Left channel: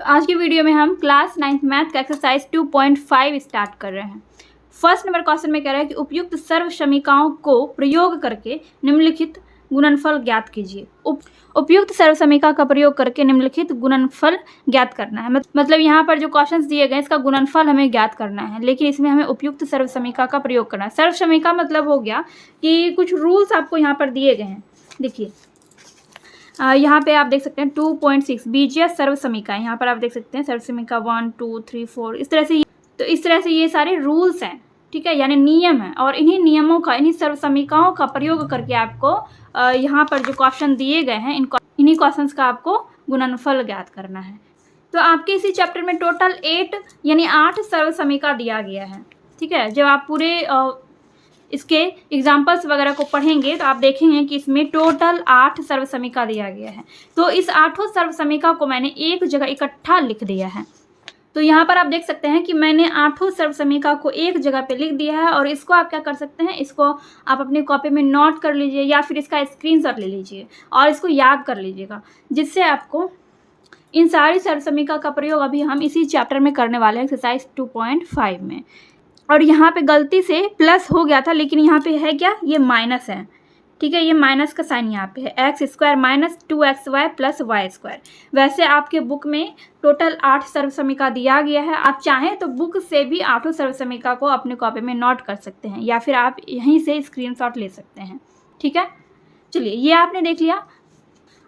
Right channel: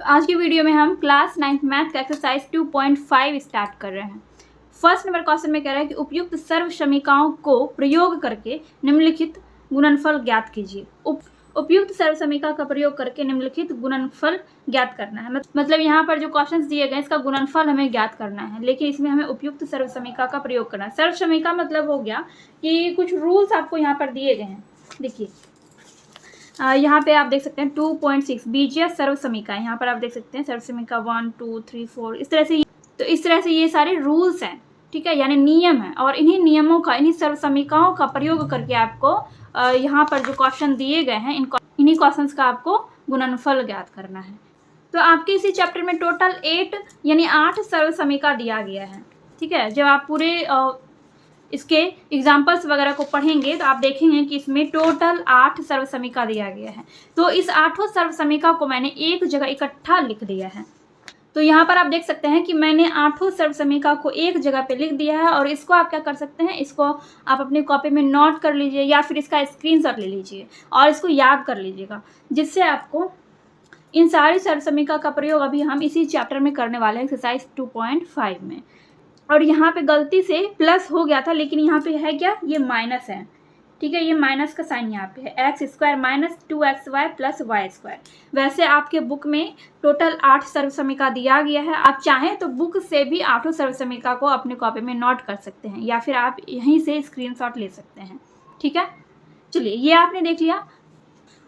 तो आज की वीडियो में हम क्लास 9th मैथ का एक्सरसाइज 2.5 स्टार्ट कर रहे हैं। फर्स्ट नंबर क्वेश्चन में कह रहा है कि उपयुक्त सर्व समीकरणों को प्रयोग करके निम्नलिखित गुणनफल ज्ञात कीजिए। उपयुक्त सर्व समीकरण का प्रयोग करके निम्नलिखित गुणनफल ज्ञात करना है। मतलब यहाँ पर जो क्वेश्चंस दिए गए इसका गुणनफल हमें ज्ञात करना है, लेकिन इसमें हमें उपयुक्त सर्व समीकरण का प्रयोग करना है। सर्व समीकरण मतलब हो गया कि कुछ रूल्स आपको यहाँ पर दिए गए हैं। देखिए यहाँ पे आप देख सकते हैं 2.6 बीजीय सर्व समीकरण। यहाँ पर आप देख सकते हैं सर्व समीकरण 1 2 3 4 इस तरह से ये सारे रूल्स हैं, ठीक है, यानी नियम है। और इन्हीं नियमों का, इन्हीं सर्व समीकरणों का प्रयोग करके आपको यहाँ पर जो क्वेश्चन दिए गए हैं इन्हीं क्वेश्चंस का आपको गुणनफल ज्ञात करना है। तो आपके इसी चैप्टर में टोटल 8 यानी 8 सर्व समीकरण दिया गया है, ठीक है। जब आप पूरे इसके एग्जाम्पल्स वगैरह को पढ़ेंगे तो आप देखेंगे कि इसमें टोटल 8 सर्व समीकरण दिया गया है। तो इस 8 सर्व समीकरण को मैंने एक जगह इकट्ठा लिख दिया है। तो यहाँ पर आप देख सकते हैं कि मैंने 8 सर्व समीकरण को एक जगह पे लिख दिया है। और इसको आप क्या कर सकते हैं, इसको आप अपनी कॉपी में नोट कर लीजिए या फिर इसका स्क्रीनशॉट ले लीजिए और इसको याद कर लीजिएगा, जिससे आपको इन सारी सर्व समीकरण का प्रयोग अभी हम इसी चैप्टर में करने वाले हैं एक्सरसाइज 2.5 में। और यहाँ पे गलती से प्लस हो गया था, लेकिन यहाँ पे है क्या, ये माइनस है, ठीक है। ये माइनस का साइन यहाँ पे है, x square minus 2xy plus y square. वैसे आपके बुक में टोटल 8 सर्व समीकरण दिया गया है। आप चाहें तो बुक से भी 8 सर्व समीकरण को अपने कॉपी में नोट कर सकते हैं या फिर आप यहीं से स्क्रीनशॉट ले सकते हैं, ठीक है। चलिए, ये आपने देख लिया।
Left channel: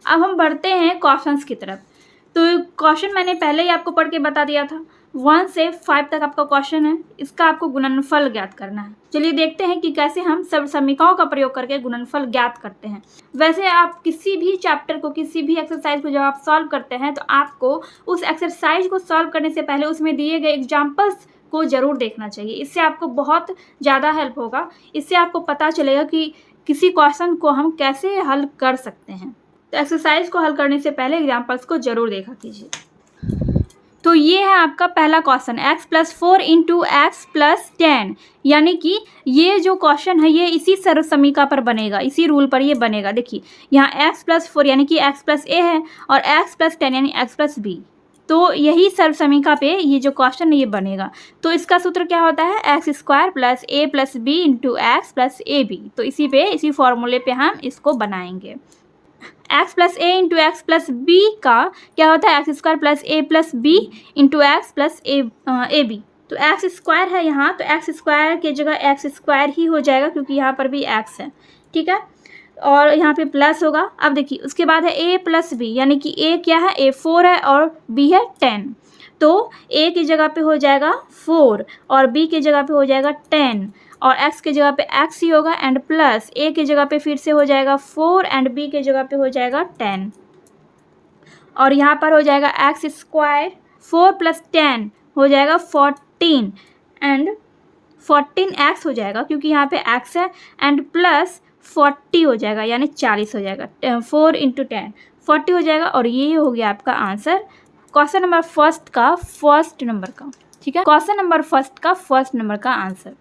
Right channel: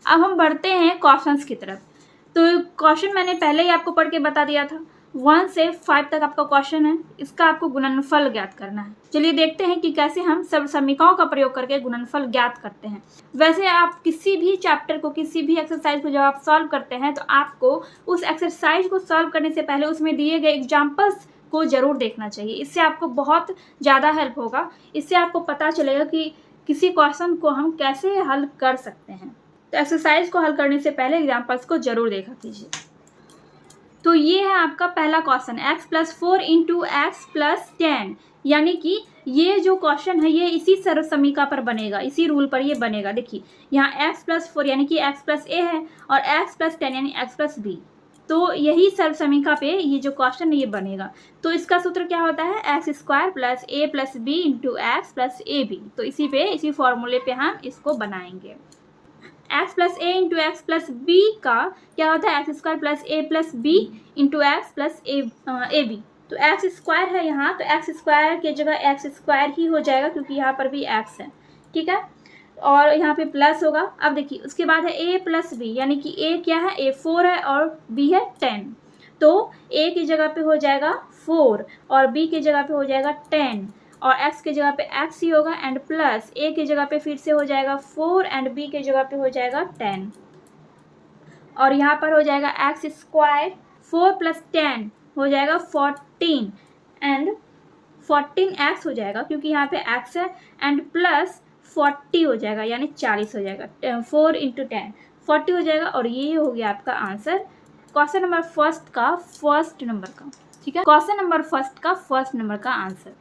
अब हम बढ़ते हैं क्वेश्चंस की तरफ। तो क्वेश्चन मैंने पहले ही आपको पढ़ के बता दिया था, 1 से 5 तक आपका क्वेश्चन है, इसका आपको गुणनफल ज्ञात करना है। चलिए देखते हैं कि कैसे हम सर्व समीकरणों का प्रयोग करके गुणनफल ज्ञात करते हैं। वैसे आप किसी भी चैप्टर को, किसी भी एक्सरसाइज को जब आप सॉल्व करते हैं तो आपको उस एक्सरसाइज को सॉल्व करने से पहले उसमें दिए गए एग्जाम्पल्स को जरूर देखना चाहिए। इससे आपको बहुत ज़्यादा हेल्प होगा। इससे आपको पता चलेगा कि किसी क्वेश्चन को हम कैसे हल कर सकते हैं। तो एक्सरसाइज को हल करने से पहले एग्जाम्पल्स को जरूर देखा कीजिए। तो ये है आपका पहला क्वेश्चन, x + 4 × x + 10, यानी कि ये जो क्वेश्चन है ये इसी सर्व समीकरण पर बनेगा, इसी रूल पर ये बनेगा। देखिए यहाँ x + 4 यानी कि x + a है और x + 10 यानी x + b। तो यही सर्व समीकरण पे ये जो क्वेश्चन है ये बनेगा। तो इसका सूत्र क्या होता है, x² + a + b × x + ab। तो इसी फॉर्मूले पे हम इसको बनाएंगे। x + a × x + b का क्या होता है, x² + a + b × x + ab। तो x² है यहाँ, तो x² की जगह x² ही हो जाएगा क्योंकि यहाँ पर भी x है, ठीक है। और यहाँ पे प्लस होगा। अब देखिए उसके बाद है a + b, यानी कि a क्या है, a 4 है और b है 10। तो a की जगह पे हो जाएगा 4 और b की जगह पे हो जाएगा 10 और x की जगह पे x ही होगा एंड प्लस a की जगह पे फिर से हो जाएगा 4 एंड b की जगह पे हो जाएगा 10 और यहाँ पर हो जाएगा x² 4 + 10 हो जाएगा 14 एंड 14x हो जाएगा क्योंकि यहाँ पे x है एंड प्लस 40 हो जाएगा यानी 40 हो जाएगा। 4 × 10 40 हो जाएगा और ये हो गया आपका answer question number first number का, ठीक है। क्वेश्चन नंबर फर्स्ट का फर्स्ट नंबर का आंसर।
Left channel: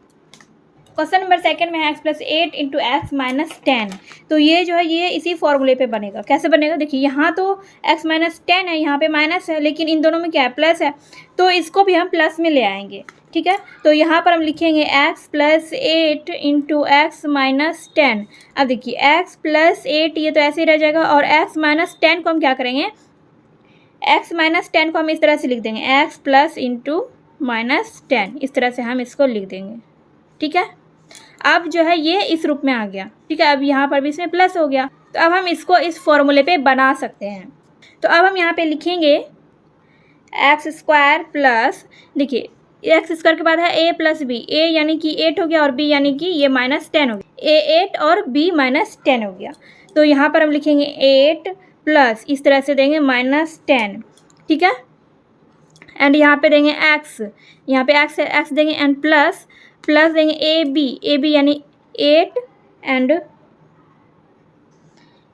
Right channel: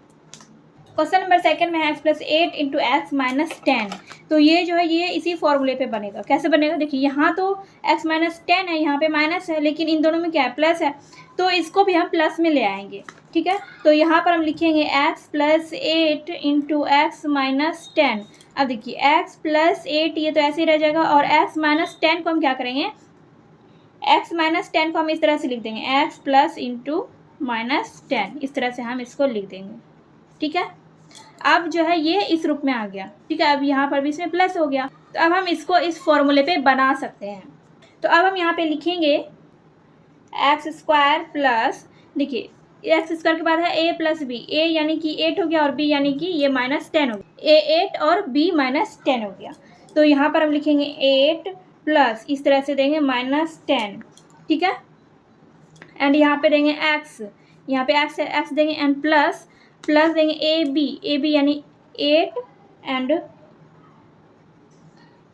क्वेश्चन नंबर सेकंड में है x + 8 × x - 10। तो ये जो है ये इसी फॉर्मूले पे बनेगा। कैसे बनेगा, देखिए यहाँ तो x - 10 है, यहाँ पे माइनस है, लेकिन इन दोनों में क्या है, प्लस है, तो इसको भी हम प्लस में ले आएंगे, ठीक है। तो यहाँ पर हम लिखेंगे x + 8 × x - 10। अब देखिए x + 8 ये तो ऐसे ही रह जाएगा और x - 10 को हम क्या करेंगे, x - 10 को हम इस तरह से लिख देंगे, x + × -10, इस तरह से हम इसको लिख देंगे, ठीक है। अब जो है ये इस रूप में आ गया, ठीक है। अब यहाँ पर भी इसमें प्लस हो गया, तो अब हम इसको इस फॉर्मूले पे बना सकते हैं। तो अब हम यहाँ पे लिखेंगे x² प्लस, देखिए x² के बाद है a + b, a यानी कि 8 हो गया और b यानी कि ये -10 हो गया, a 8 और b -10 हो गया। तो यहाँ पर हम लिखेंगे 8 प्लस इस तरह से देंगे -10, ठीक है। एंड यहाँ पे देंगे x, यहाँ पे x देंगे एंड प्लस देंगे ab यानी 8 एंड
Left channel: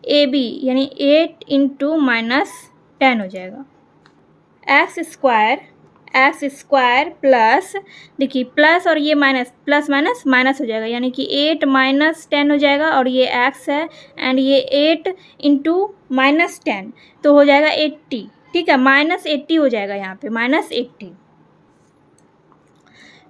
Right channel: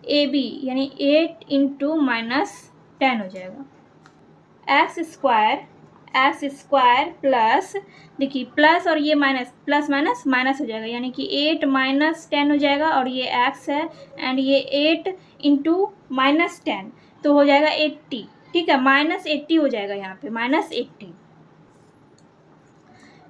ab यानी 8 × -10 हो जाएगा। x² प्लस, देखिए प्लस और ये माइनस, प्लस माइनस हो जाएगा, यानी कि 8 - 10 हो जाएगा और ये x है एंड ये 8 × -10 तो हो जाएगा 80, ठीक है, -80 हो जाएगा यहाँ पे, -80।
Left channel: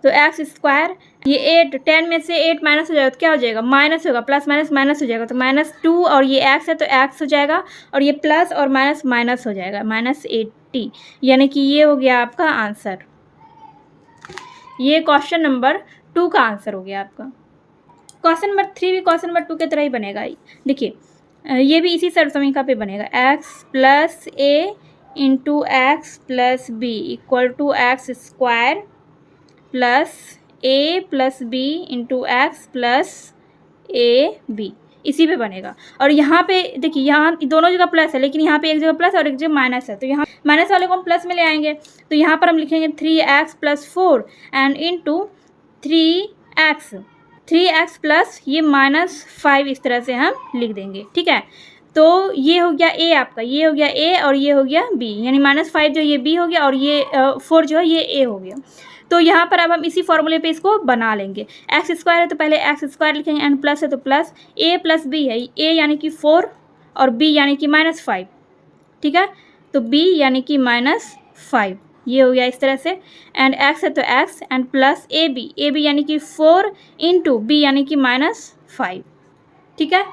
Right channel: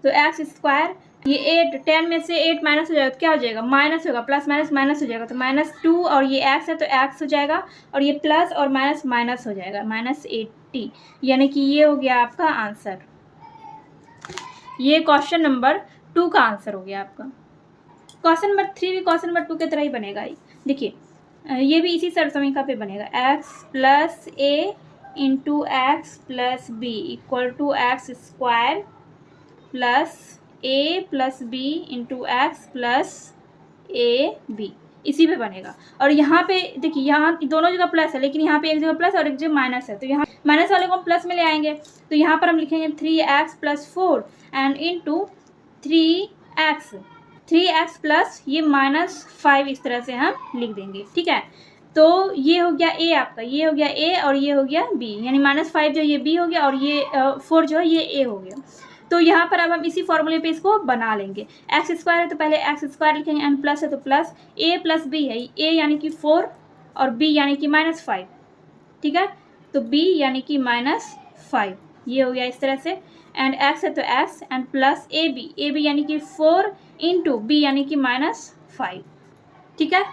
तो एक्स स्क्वायर, ये 8, 10 में से 8 माइनस हो जाएगा तो क्या हो जाएगा, माइनस होगा, प्लस माइनस माइनस हो जाएगा, तो -2 और ये एक्स है तो एक्स हो जाएगा, और ये प्लस और माइनस माइनस हो जाएगा, -80। यानी कि ये हो गया आपका आंसर। ये क्वेश्चन नंबर 2 का आंसर हो गया आपका। क्वेश्चन नंबर 3 भी क्वेश्चन नंबर 2 की तरह ही बनेगा। देखिए ये भी इसी सर्वसमीका पे बनेगा, x plus a into x plus b equal to x square plus a plus b into x plus a b, इसी पे बनेगा। और यहाँ पे देखिए, यहाँ दोनों जगह प्लस है, लेकिन यहाँ पे एक जगह प्लस और एक जगह माइनस है, तो यहाँ माइनस वाले को हम प्लस में ले आएंगे, तो यहाँ पर हम लिखेंगे 3x plus 4 and into 3x plus ये -5, इस तरह से हम लिख देंगे। ठीक है, तो ये हो गया ए आपका, ये हो गया ए और ये हो गया बी, यानी -5 जो ये बी हो गया और ये 4 जो है ये ए हो गया। तो यहाँ पर अब हम इसी फॉर्मूले पे इसको बना लेंगे। एक्स स्क्वायर है तो पहले एक्स स्क्वायर लिखेंगे, एंड प्लस है तो प्लस, ए प्लस बी है, ए यानी कि 4 और बी यानी कि -5। ठीक है, तो बी यानी कि -5, ये हो गया इस तरह से, एंड एक्स है तो x and plus a b यानी कि 4 इंटू बी यानी कि -5। ठीक है,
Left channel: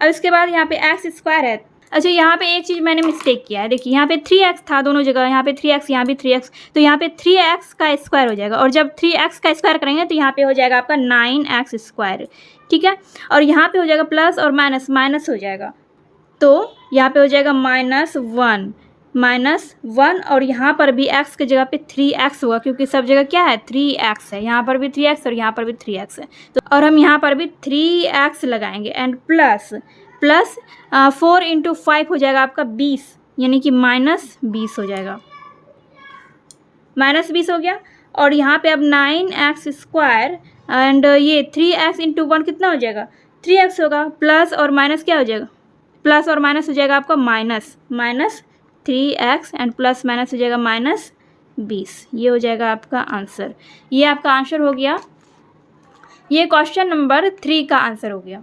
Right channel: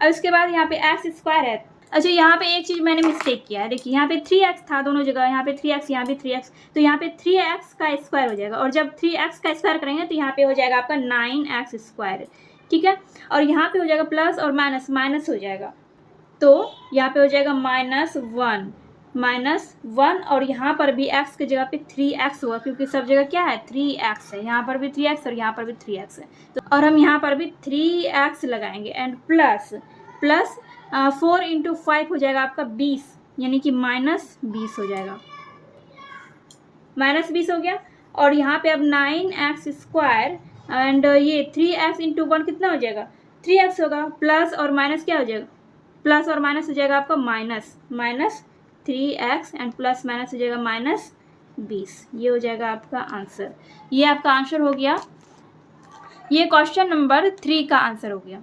अब इसके बाद यहाँ पे एक्स स्क्वायर है। अच्छा, यहाँ पे एक चीज़ मैंने मिस्टेक किया है, देखिए यहाँ पे 3x था दोनों जगह, यहाँ पे 3x यहाँ भी 3x, तो यहाँ पे 3x का स्क्वायर हो जाएगा, और जब 3x का स्क्वायर करेंगे तो यहाँ पे हो जाएगा आपका 9x स्क्वायर। ठीक है, और यहाँ पे हो जाएगा प्लस और माइनस माइनस हो जाएगा, तो यहाँ पे हो जाएगा -1 और यहाँ पर भी x की जगह पे 3x होगा, क्योंकि सब जगह क्या है 3x है, यहाँ पर भी 3x और यहाँ पर भी 3x है, तो और हम यहाँ पर भी 3x लगाएंगे, एंड प्लस 4 इंटू 5 हो जाएगा आपका 20, यानी कि -20 हो जाएगा, -20 हो गया। और यहाँ पे अब 9x स्क्वायर एंड ये 3x इंटू 1 कितना हो जाएगा, 3x होगा, प्लस और माइनस क्या हो जाएगा, प्लस और माइनस हो जाएगा आपका -3x एंड प्लस माइनस हो जाएगा -20, ये हो जाएगा आपका आंसर। ये आपका आंसर हो गया, ये क्वेश्चन नंबर 3 का आंसर हो गया।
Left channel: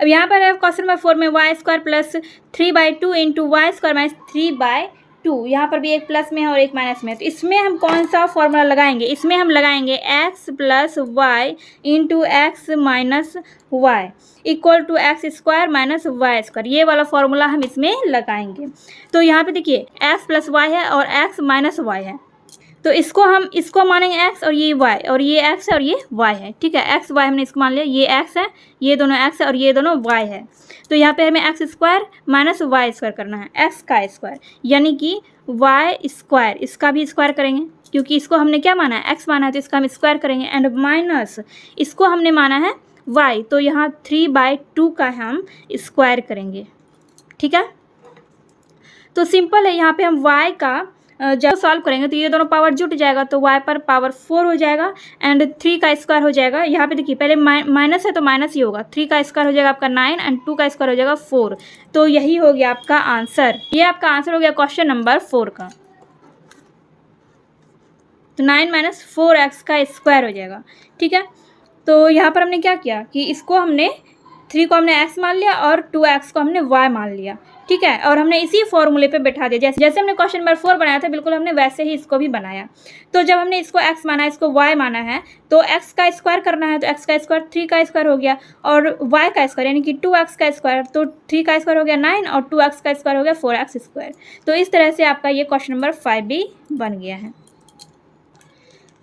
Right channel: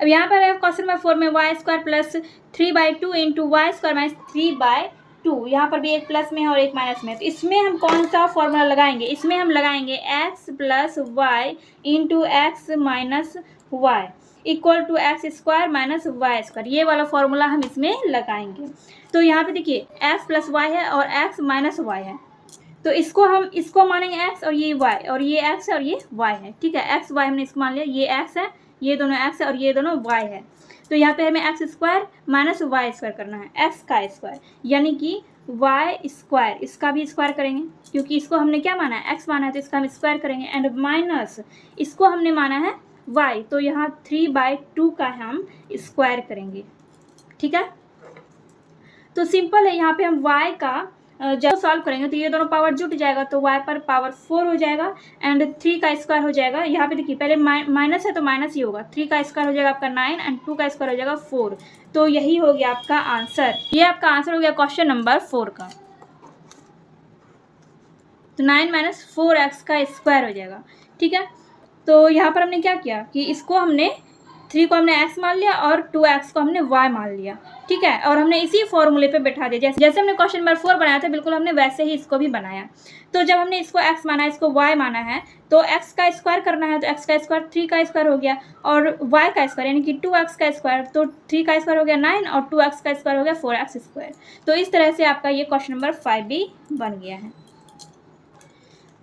अब यहाँ पर है क्वेश्चन नंबर 4 में y square plus 3/2 into y square minus 3/2, यहाँ पर भी एक प्लस में है और एक माइनस में है, तो इसमें हम कौन सा फॉर्मूला लगाएंगे, इसमें हम लगाएंगे x plus y into x minus y equal to x square minus y square, ये वाला फॉर्मूला हम इसमें लगाएंगे। तो यहाँ पे देखिए x प्लस वाई है और x माइनस वाई है, तो इसको मानेंगे x और ये y, और ये x है और ये y है। ठीक है, x y हमने इसको मान लिया, ये x है, ये दोनों x है और ये दोनों y है, तो यहाँ पे हमें x square minus y square करना है, x का स्क्वायर यानी कि y स्क्वायर, इसका भी स्क्वायर करेंगे क्योंकि इसको हमने क्या माना है, x माना है, तो इसका हम स्क्वायर करेंगे, एंड माइनस इसको हमने माना है y, तो यहाँ 3/2 का हम स्क्वायर करेंगे। ठीक है, तो सिंपल है, यहाँ पे हम y का जब सॉल्व करेंगे तो ये दोनों पावर जुट जाएगा, तो y पर पावर 4 हो जाएगा, एंड 3 का स्क्वायर हो जाएगा, यहाँ पे देखिए पहले माइनस है तो माइनस ही होगा, 3 का स्क्वायर हो जाएगा आपका 9 एंड 2 का स्क्वायर हो जाएगा 4, तो यही हो गया आपका आंसर। ये आपका आंसर हो गया क्वेश्चन नंबर 4 का, तो 9 - 4x का स्क्वायर हो जाएगा। ठीक है, तो यहाँ पर हमने क्या किया कि इसको हमने 3 को हमने x मान लिया और 2x को हमने y मान लिया। ठीक है, और हमने इसी फॉर्मूले पे बैठा दिया, जैसे हमने क्वेश्चन नंबर 4 बनाया था बिल्कुल हमने वैसे ही इसको भी बनाया। तो जब हमने इसको x माना है, इसको y माना है, तो x का स्क्वायर करना है, तो x का स्क्वायर 3 का स्क्वायर हो गया, और y का स्क्वायर यानी कि 2x का स्क्वायर, तो 3 का स्क्वायर हो गया 9 और 2x का स्क्वायर हो गया 4x स्क्वायर। तो इस तरह से आपका ये क्वेश्चन नंबर 5 भी बन गया है।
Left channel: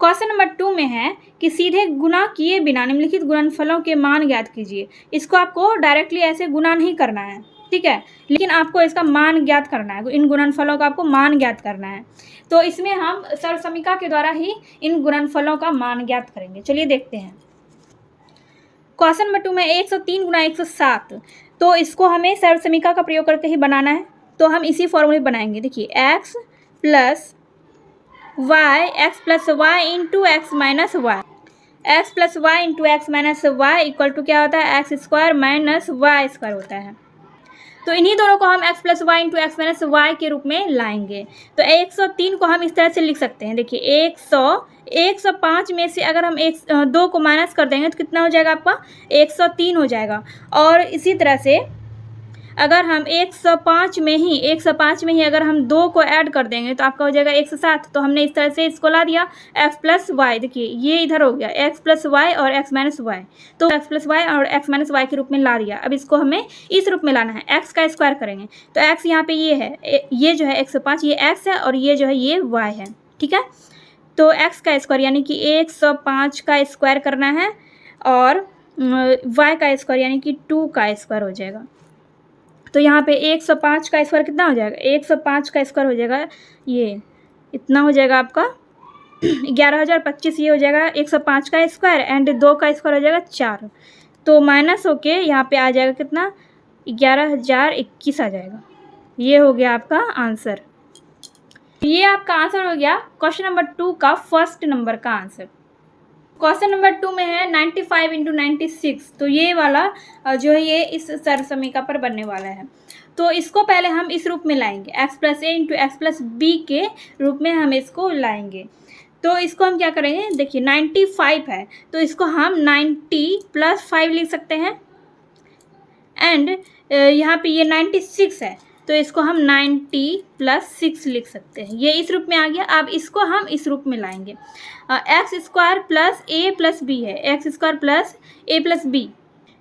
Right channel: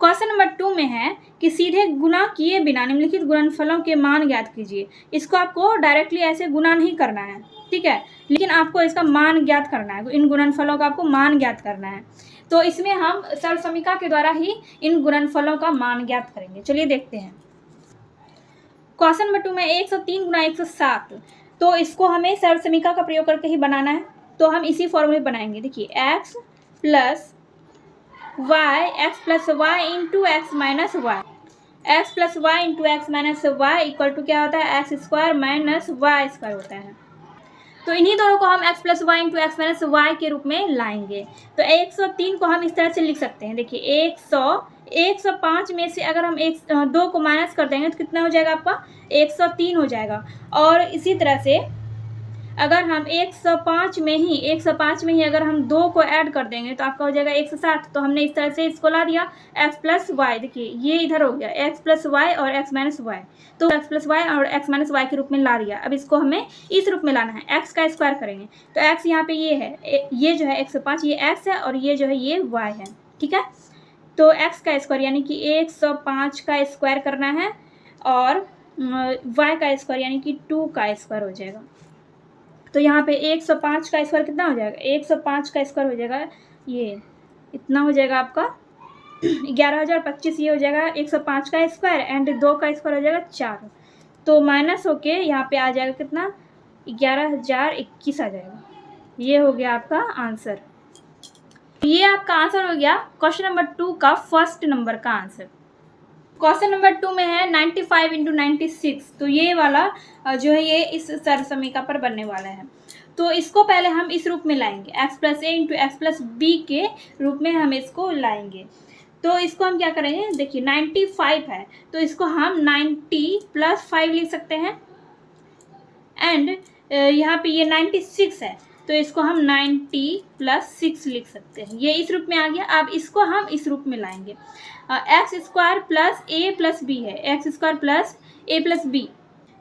क्वेश्चन नंबर 2 में है कि सीधे गुणा किए बिना निम्नलिखित गुणनफलों के मान ज्ञात कीजिए। इसको आपको डायरेक्टली ऐसे गुणा नहीं करना है, ठीक है, लेकिन आपको इसका मान ज्ञात करना है, इन गुणनफलों का आपको मान ज्ञात करना है। तो इसमें हम सर्वसमीका के द्वारा ही इन गुणनफलों का मान ज्ञात करेंगे। चलिए देखते हैं। क्वेश्चन नंबर 2 में 103 × 107, तो इसको हमें सर्वसमीका का प्रयोग करके ही बनाना है, तो हम इसी फॉर्मूले बनाएंगे। देखिए x plus y into x minus y, x plus y into x minus y equal to क्या होता है, x square minus y square होता है। तो इन्हीं दोनों को हम x plus y into x minus y के रूप में लाएंगे। तो 103 को हम इस तरह से लिख सकते हैं। देखिए 105 में से अगर हम 2 को माइनस कर देंगे तो कितना हो जाएगा आपका 103 हो जाएगा। और इसी तरह से अगर हम 105 में ही अगर हम 2 को ऐड कर देंगे तो आपका हो जाएगा 107। तो हमने इस तरह से इसको ला दिया x प्लस वाई। देखिए ये इधर हो गया x प्लस वाई और x माइनस वाई, तो x प्लस वाई और x माइनस वाई के रूप में ला दिया। अब इसको हमें इस रूप में लाना है, x का स्क्वायर करेंगे तो x यहाँ पे ये है, ये जो है 105 ये x है और ये जो है ये y है। ठीक है, तो x का स्क्वायर यानी कि 105 का स्क्वायर करना है और y का स्क्वायर यानी कि 2 का स्क्वायर हो जाएगा। तो यहाँ पे 105 का स्क्वायर कितना हो जाएगा, 105 का स्क्वायर हो जाएगा ये इतना हो जाएगा आपका 11,025। ये हो जाएगा 105 का स्क्वायर एंड 2 का स्क्वायर हो जाएगा 4। तो माइनस होके यहाँ पे आ जाएगा कितना, 11,021 आ जाएगा। ये हो गया आपका आंसर। ये आपका आंसर हो गया क्वेश्चन नंबर 2 का फर्स्ट नंबर का आंसर। क्वेश्चन नंबर 2 में है 95 इंटू 96। तो ये वाला जो है ये इस सरसमीका पर बनने वाला है। तो इसको पहले हम इस रूप में लाएंगे, x plus a into x plus B के रूप में हम इसको लाएंगे। तो इसको हम क्या करेंगे, देखिए 95 है तो इसको हम 90 प्लस 5 लिख सकते हैं एंड यहाँ पे ये 96 है तो इसको हम 90 प्लस 6 लिख सकते हैं। ये इस रूप में आ गया। अब इसको हम इस रूप में लाएंगे, x square plus a plus B है, x square plus a plus B.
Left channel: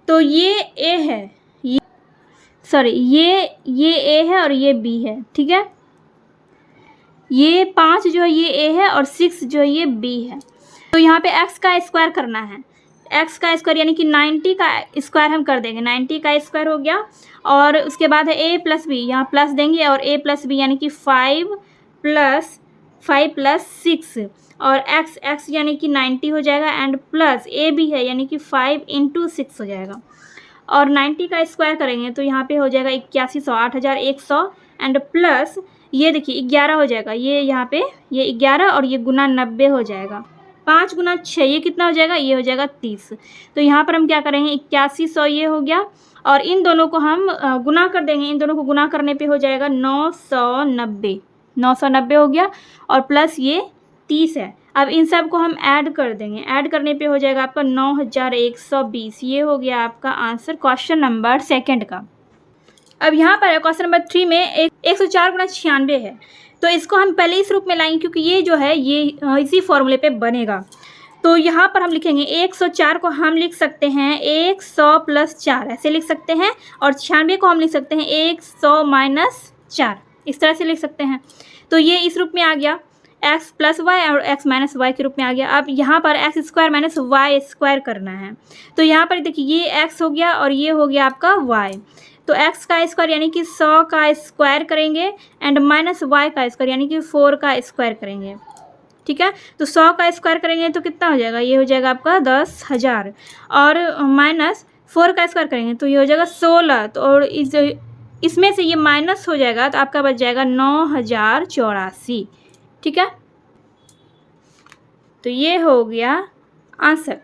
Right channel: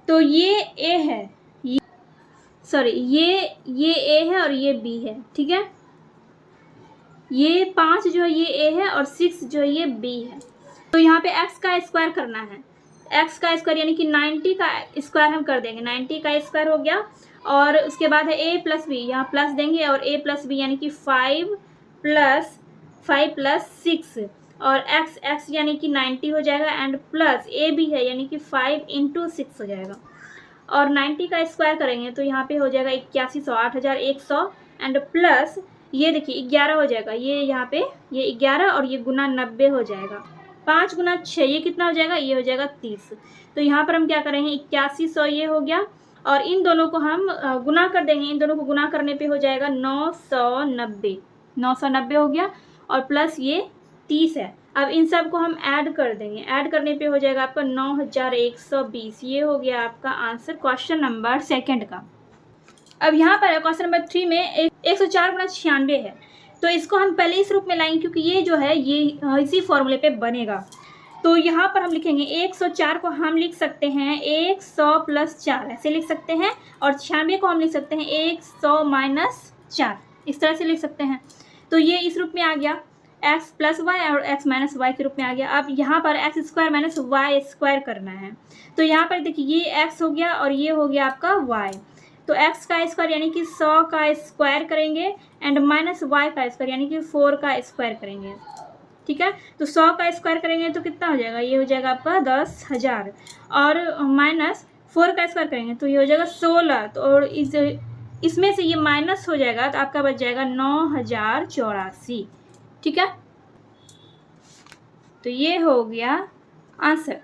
तो ये ए है, ये ए है और ये बी है। ठीक है, ये 5 जो है ये ए है और 6 जो है ये बी है। तो यहाँ पे x का स्क्वायर करना है, x का स्क्वायर यानी कि 90 का स्क्वायर हम कर देंगे, 90 का स्क्वायर हो गया। और उसके बाद है a प्लस बी, यहाँ प्लस देंगे और a प्लस बी यानी कि 5 प्लस 6 और x यानी कि 90 हो जाएगा एंड प्लस a भी है यानी कि 5 इंटू 6 हो जाएगा। और 90 का स्क्वायर करेंगे तो यहाँ पे हो जाएगा 8100, 8100 एंड प्लस ये देखिए 11 हो जाएगा, ये यहाँ पे ये 11 और ये गुना 90 हो जाएगा। 5 गुना 6 ये कितना हो जाएगा, ये हो जाएगा 30। तो यहाँ पर हम क्या करेंगे 8100 ये हो गया और इन दोनों को हम गुना कर देंगे। इन दोनों को गुना करने पे हो जाएगा 990 हो गया और प्लस ये 30 है। अब इन सब को हम ऐड कर देंगे, ऐड करने पे हो जाएगा आपका 9120। ये हो गया आपका आंसर क्वेश्चन नंबर 2 का। अब यहाँ पर क्वेश्चन नंबर 3 में 104 गुना 96 है। तो इसको हम पहले इस रूप में लाएंगे क्योंकि ये जो है ये इसी फॉर्मूले पे बनेगा। तो यहाँ पर हम लिखेंगे 104 को हम लिख सकते हैं 100 प्लस 4 ऐसे लिख सकते हैं और 96 को हम लिख सकते हैं 100 माइनस 4 इस तरह से लिख सकते हैं। तो ये इस रूप में आ गया, x प्लस वाई और x माइनस वाई के रूप में आ गया। अब यहाँ पर x square minus y square करना है। तो यहाँ पर देखिए ये x हो गया और ये हो गया आपका y। तो x का स्क्वायर यानी कि 100 का स्क्वायर करेंगे एंड माइनस y का स्क्वायर यानी कि 4 का स्क्वायर करेंगे। ठीक है, तो 100 का स्क्वायर करेंगे तो कितना हो जाएगा, ये हो जाएगा आपका 10,000 और माइनस 4 का स्क्वायर करेंगे तो ये हो जाएगा 16। तो और इसमें से ये माइनस हो जाएगा तो आपका बच जाएगा 9,084। ठीक है, तो ये हो गया आंसर।